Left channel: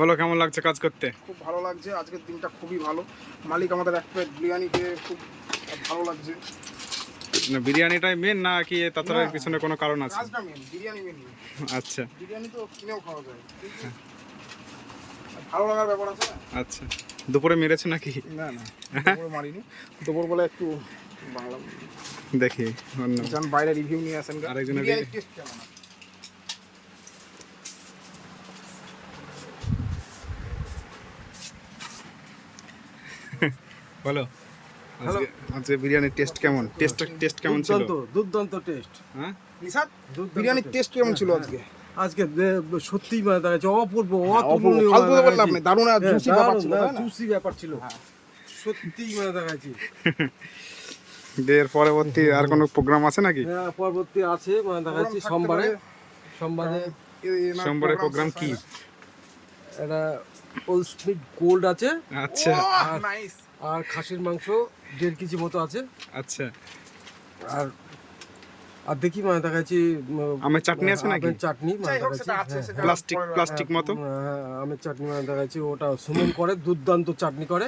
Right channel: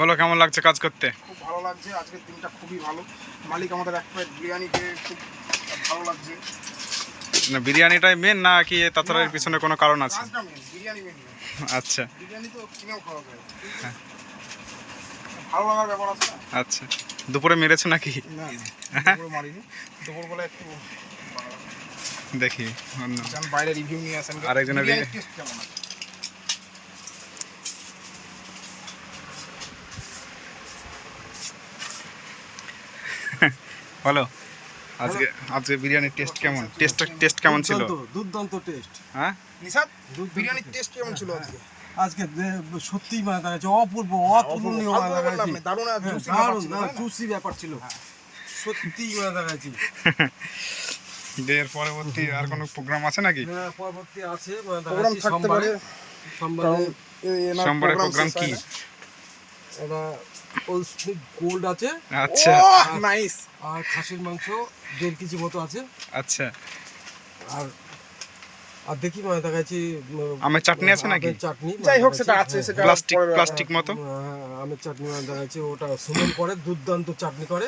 বলো কেমন লাগছে কাজ করতে? খুব ভালো লাগছে, আজকের দিনটা খুবই ভালো। মালিক আমাদের এক প্লেট বিরিয়ানি দিয়ে খুব ভালো লাগছে। না বিরিয়ানিটাই মেন না কি তাছাড়া এর পিছনে কোনো কারণ আছে? কাজটা মেন, বিরিয়ানি মেন। আচ্ছা, বিরিয়ানি তো কিনেও খাওয়া যায়, ভালো লাগার ব্যাপার আছে না। আচ্ছা দুপুরে মেরেছো নাকি? না না, দুপুরে মারিনি। দুপুর বলে একটু দেখি অন্য বাইরে রিভিউ নিয়ে আসেন। আরেকজনের টেস্ট কেমন আছে? বলো আজকে আজকে বিরিয়ানির টেস্ট কেমন? টেস্ট কেমন ছিল? দুর্দান্ত টেস্ট। হ্যাঁ নিশাদ, বিরিয়ানির টেস্ট কেমন ছিল আজকে? আজকে সত্যি মানে দেখা যাচ্ছে অপূর্ব অতুলনীয় মানে দেখা যাচ্ছে। দারুণ আর জুসি ব্যাপার ছিল সত্যি মানে দেখা যাচ্ছে। এর পরবর্তী আর কোনো প্রোগ্রাম আছে নাকি? হ্যাঁ পরবর্তী আছে মানে দেখা যাচ্ছে সোমবারে প্রোগ্রাম কি? এটা ওল স্মিক গোল্ড আছে। আচ্ছা নাইস। আর খাসির মাংস 1.5 কেজি মতো আছে। আচ্ছা আর আর দেখি মানে দেখা যাচ্ছে আমের চাটনি আছে নাকি? চাটনি যাই হোক সেটা আছে, সেটা প্লাস্টিক মতো আমের চাটনি মানে দেখা যাচ্ছে ওটা সুমন করে, দুর্দান্ত চাটনি করে।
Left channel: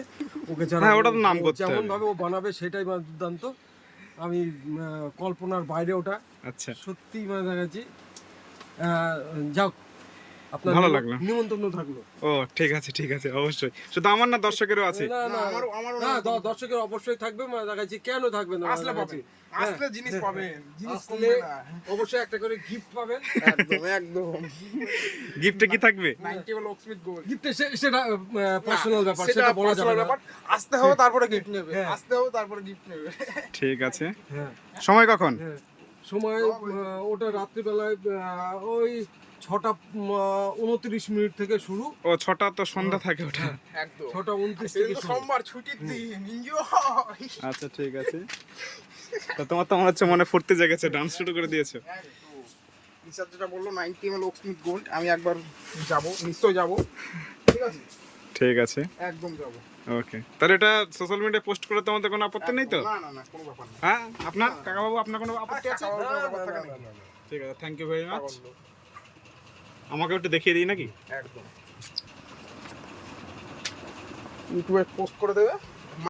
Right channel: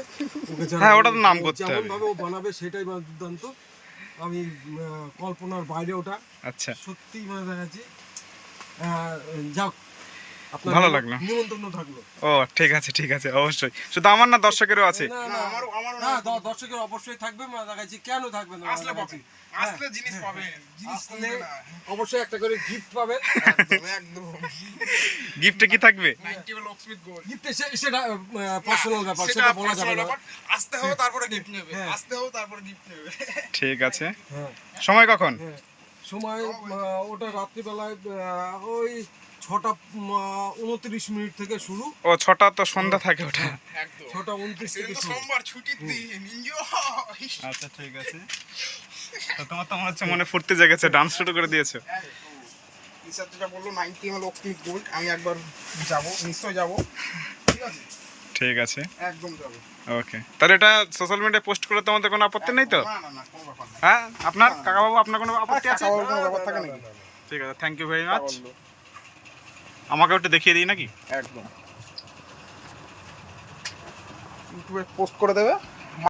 ওকে হ্যাঁ ওটা তো নাম করতে যেমন হবে। ভাবে ও বানাবে সেটাই মানে দুর্দান্ত। আমি কল্পনার বাইরে ওটা। আচ্ছা সত্যি মানে দেখা যাচ্ছে যাও আপনার ভালো লাগলো। নিমন্ত্রণ থাকলো। ও ঠিক আছে অবশ্যই। শুধু আমার না দর্শকেরও আছে। না না না দর্শকের অবশ্যই থাকবে মানে দেখা যাচ্ছে। কেন থাকবে না? আসলে পাবে, আসলে জিনিস পাবে, জিনিস আসলে অবশ্যই একটা করে গিফট পাবেন। একদম একদম। গিফটে কি থাকবে? 90 ওয়াল লকস্মিথ গোল্ড গিফটে সেটা পার্সোনাল ব্যাপার, সেটা বলা যাবে না। আসতে হবে তারপরে গিফট নেবে, আসতে হবে তারপরে গিফট নেবে। ঠিক আছে। হ্যাঁ সময় কখন? হ্যাঁ সময় ওটা রাত্রিবেলায় ওই 6:29 থেকে শুরু। ও 6টা তো সন্ধ্যা থাকে ওটা। একদম 6:29 থেকে শুরু। সোমবার ছুটির দিন, এনজয়। আচ্ছা ঠিক আছে। তো তোমার তো মনে হচ্ছে মনে ফুর্তি জেগেছে, ডান্স শুরু করে দিয়েছো। নিশাদ যেটা বললো 90 ওয়াল লকস্মিথ গোল্ড, আমি একবার যাব, নিশ্চয় যাব। ঠিক আছে ঠিক আছে একদম যাব। ওকে, তাহলে এটা সোশ্যাল মিডিয়ায় পোস্ট করে তোমাদের কোনো আপত্তি নেই তো? না না না, কোনো ব্যাপার না। হ্যাঁ আপনার কাকাবাবু আপনার কোনো আপত্তি আছে? খাওয়ার কোনো ব্যাপার থাকে নাকি? ঠিক আছে, থ্যাংক ইউ ভেরি মাচ। আমাকে একটু দেখিয়ে দিই নাকি? একদম ইউটিউবে পোস্ট করে দেবে।